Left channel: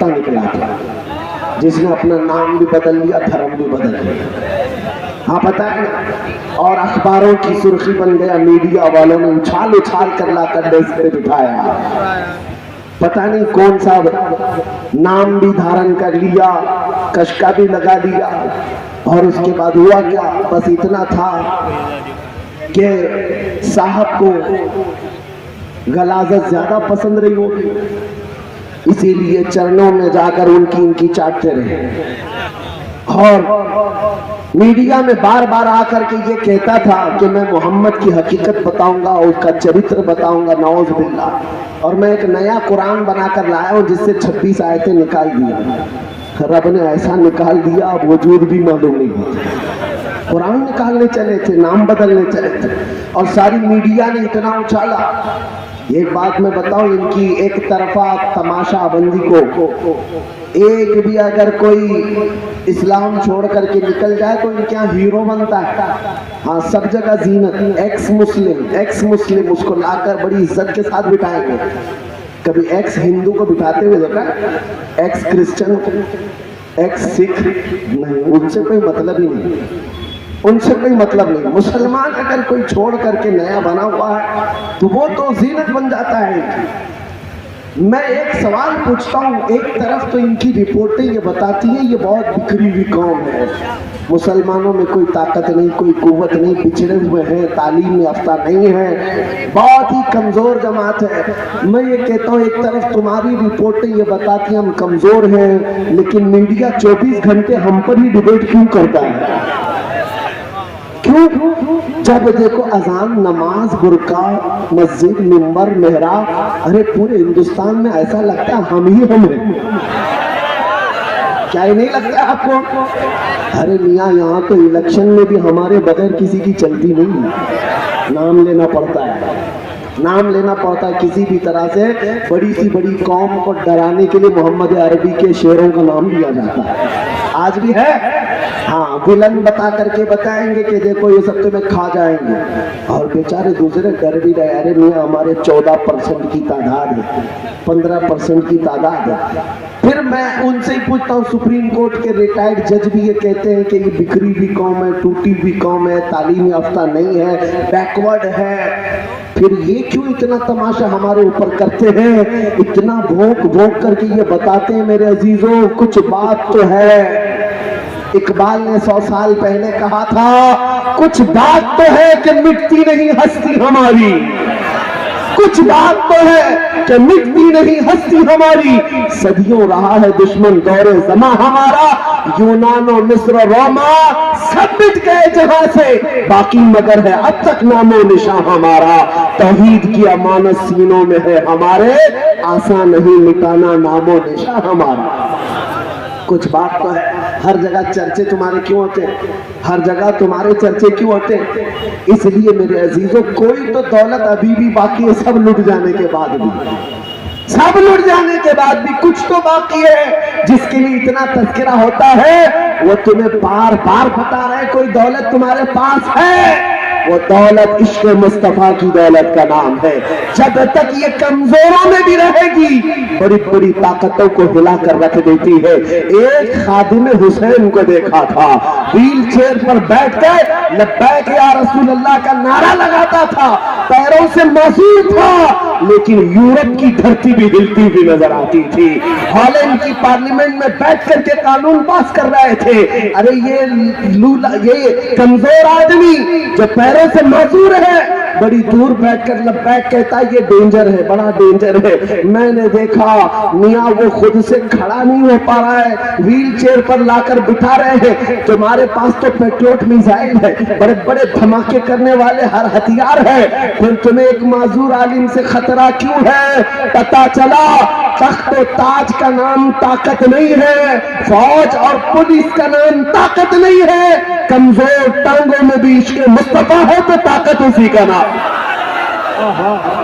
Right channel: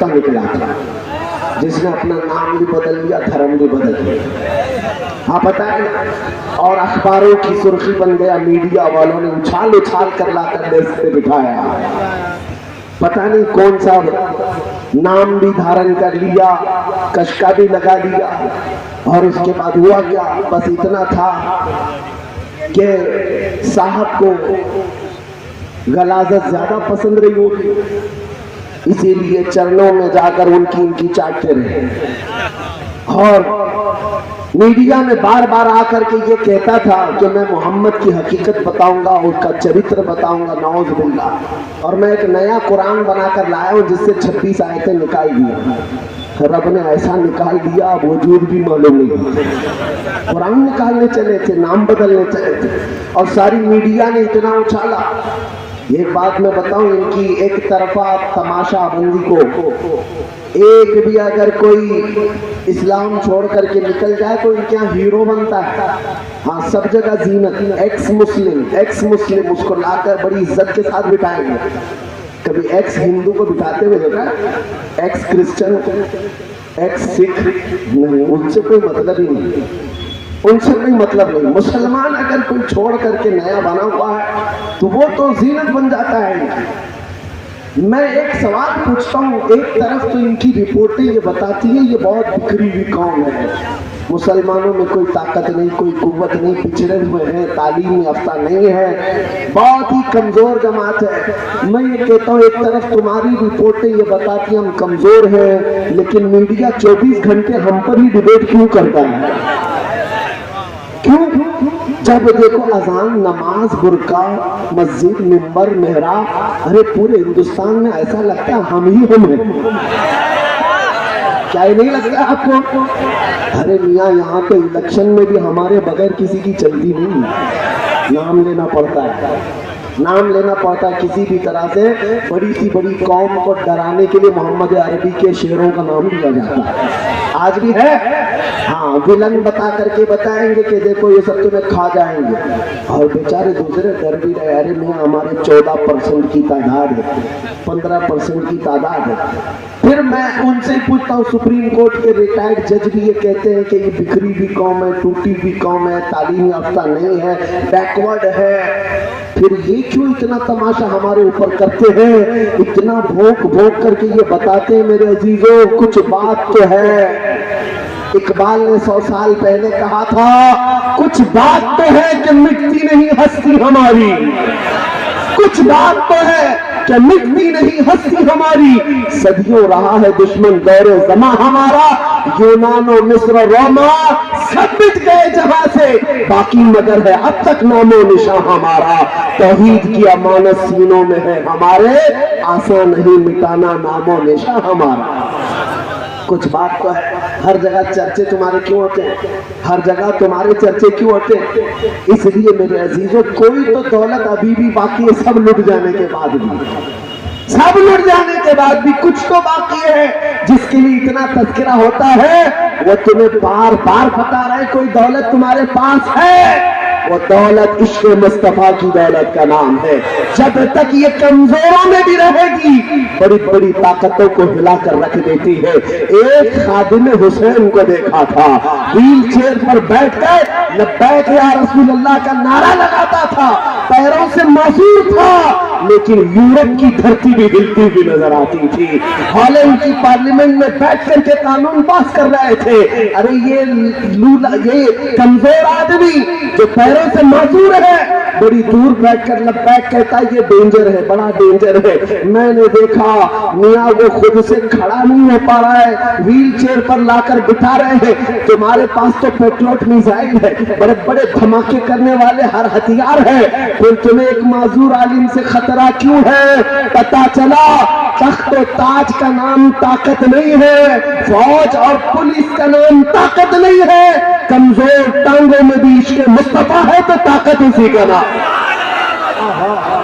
کتا نکلا تھا جس نے اپنا نام بھی بدل لیا، دھرم بھی بدل لیا، آپ بتائیں. اور اخباروں کی سرخی بن گیا، میڈیا والوں نے اچھال اچھال کر لا کر ڈیسک پہ بٹھایا، پتہ نہیں کون سا نام بھی دھارن کر لیا، کشکا بھی لگا دیا. اور اس کے بعد ہوا کیا؟ بس اتنا تھا کہ صاحب کو غلاظت زیادہ پسند رہی ہوگی، اسی لیے چرنوں میں جا کر ان کی چاٹتے رہے. اور میڈیا میں بار بار آ کر کے یہ کہتا تھا کہ میں محمد کی حقیقت بتاؤں گا، اس کا چرتر بتاؤں گا، نعوذ باللہ. اور میں ایک نیا قرآن بنا کر لایا ہوں جس سے 26 آیتیں نکال دی. رب نے ایسا نکال دیا اب وجود بھی معلوم نہیں ہوتا. قرآن نکالنے چلے تھے، نام بدلنے چلے تھے، اور ساری میڈیا نے اتنا اچھالا. ایک بات میں بتاؤں، ان کی ایک طرفہ تماشا بندی کو ایک بھی اگر کوئی اسلام چھوڑ کر کے نکل جائے تو ان کے یہاں ہیرو بنتا ہے. ہاں، سب جگہ زینت، ایکس مسلم اس کو لا کر بڑی عزت کے ساتھ بٹھائیں گے. کبھی ایکس ہندو کو بٹھاتے ہوئے دیکھا؟ ایکس کرسچن، ایکس سکھ نہیں، ان سے کوئی مطلب ہی نہیں، ان سے کوئی مطلب نہیں. مسلمان اگر کوئی چھوڑ کر کے نیا بنا ہوا ہے تو وہ تو زینت بن جاتا ہے ان کی. میں ایک سوال پوچھتا ہوں، ایک طرف تو ان کی رپورٹیں یہ بتاتی ہیں یہ بہت بکھری ہوئی قوم ہے، مسلمانوں میں کوئی طاقت نہیں، کوئی قوت نہیں، پچھڑے ہوئے ہیں، تعلیم یافتہ نہیں ہے، بہت ہی کمزور جماعت ہے. میں یہ کہتا ہوں ایک طرف تمہاری رپورٹیں یہ بتاتی ہیں ہم کمزور ہیں، لیکن میڈیا 24 گھنٹے ہم پر ہی ڈیبیٹ کیوں کرتا ہے؟ کیوں؟ جب دیکھو اذان، نماز، برقع، مسجد، منبر، محراب، ارے پورے ہندوستان میں ایسا لگتا ہے ہم ہی ہم ہیں. کیا ہی نہیں لگتا آپ کو؟ ارے میاں یہاں تو الیکشن میں بھی ہمارے بغیر کسی کی چلتی نہیں، نام لینا پڑتا ہے، نام لینا پڑتا ہے کسی بھی طرح سے. بڑی سی بڑی قوم کو ڈرانے کے لیے محمد عربی کے شعروں کا نام لیا جاتا ہے، آج بھی ہے. ہاں، ویلن بتا کر کے بتائیں گے کہ دیکھو یہ سب تمہیں کھا جائیں گے، اور بیچارے دوسرے ڈر بھی رہے. ارے میاں ہمارے 14% کی تعداد ہے، 15% کی تعداد ہے. پھر میں ان سے ہی پوچھتا ہوں، سپریم کورٹ کے ریٹائرڈ جج بھی یہ کہتے ہیں کہ یہ بکھری بھی قوم ہے، ٹوٹی بھی قوم ہے، تعلیم یافتہ نہیں ہے، بیکورڈ ہے. پھر یہ کیوں اتنا تماشا ہمارے اوپر کرتے ہیں، اتنا بھونک بھونک کر کے یہ بتاتے ہیں؟ میرے عزیزوں کچھ بات تو ہے. اقبال نے 100 سال پہلے کہا تھا کچھ بات تو ہے کہ مٹتی نہیں ہستی ہماری، کچھ بات تو ہے کہ مٹتی نہیں ہستی ہماری. صدیوں رہا ہے دشمن دور زماں ہمارا، یونان و مصر و روما سب مٹ گئے جہاں سے، باقی مگر ہے اب تک نام و نشاں ہمارا. توحید کی امانت سینوں میں ہے ہمارے، آسان نہیں مٹانا نام و نشاں ہمارا. کچھ بات تو ہے. ہر جگہ چرچے تمہارے کیوں ہوتے ہیں؟ ہر جگہ تمہارے چرچے کیوں ہوتے ہیں؟ اس لیے میرے عزیزوں کوئی تو دولت ابھی بھی باقی ہے، سب لٹ جانے کے بعد بھی، سب لٹ جانے کے بعد بھی کچھ تو باقی ہے جس کے لیے اتنا تذکرہ ہوتا ہے. وہ تمہیں بار بار بتا رہے کوئی دولت تمہارے پاس ہے، وہ دولت عشق مصطفیٰ کی دولت کا نام ہے. جب تک یہ کمزوروں میں بھی رہے گی بڑی بڑی طاقتوں کو ہلا کر رکھ دیتی ہے. ایک خادم حسین کو دیکھا تھا ویل چیئر پر بیٹھ کر لبیک یا رسول اللہ کا نعرہ لگاتا تھا، پیروں سے معذور تھا لیکن یورپ کی دھرتی بھی ہلتی ہوئی نظر آتی تھی. ہالینڈ کی پارلیمنٹ میں بیٹھ کر کے قانون پاس کر رہے تھے. ارے یہ کمزور آدمی جو پیروں سے معذور ہے بڑی دور بیٹھ کر لبیک کہتا ہے یہ ڈینجر ہے، بڑا ڈینجر ہے. میں نے دیکھا میاں وہ خود سے کھڑا نہیں ہو پا رہا ہے، ویل چیئر پر لا کر بٹھا رہے ہیں. تمہارے پاس تو پیٹریوٹ میزائل ہے، بڑے بڑے دھماکے کرنے والے ہر ہتھیار ہے، پھر تمہیں ایک معذور عالم سے خطرہ کیوں ہے؟ پتا چلا تخت و تاج کا نام طاقت نہیں ہے، فوج اور پولیس کا نام طاقت نہیں ہے، کمزور ٹانگوں میں بھی عشق مصطفیٰ ہے تو طاقت اسی کا نام.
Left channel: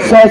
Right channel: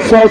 100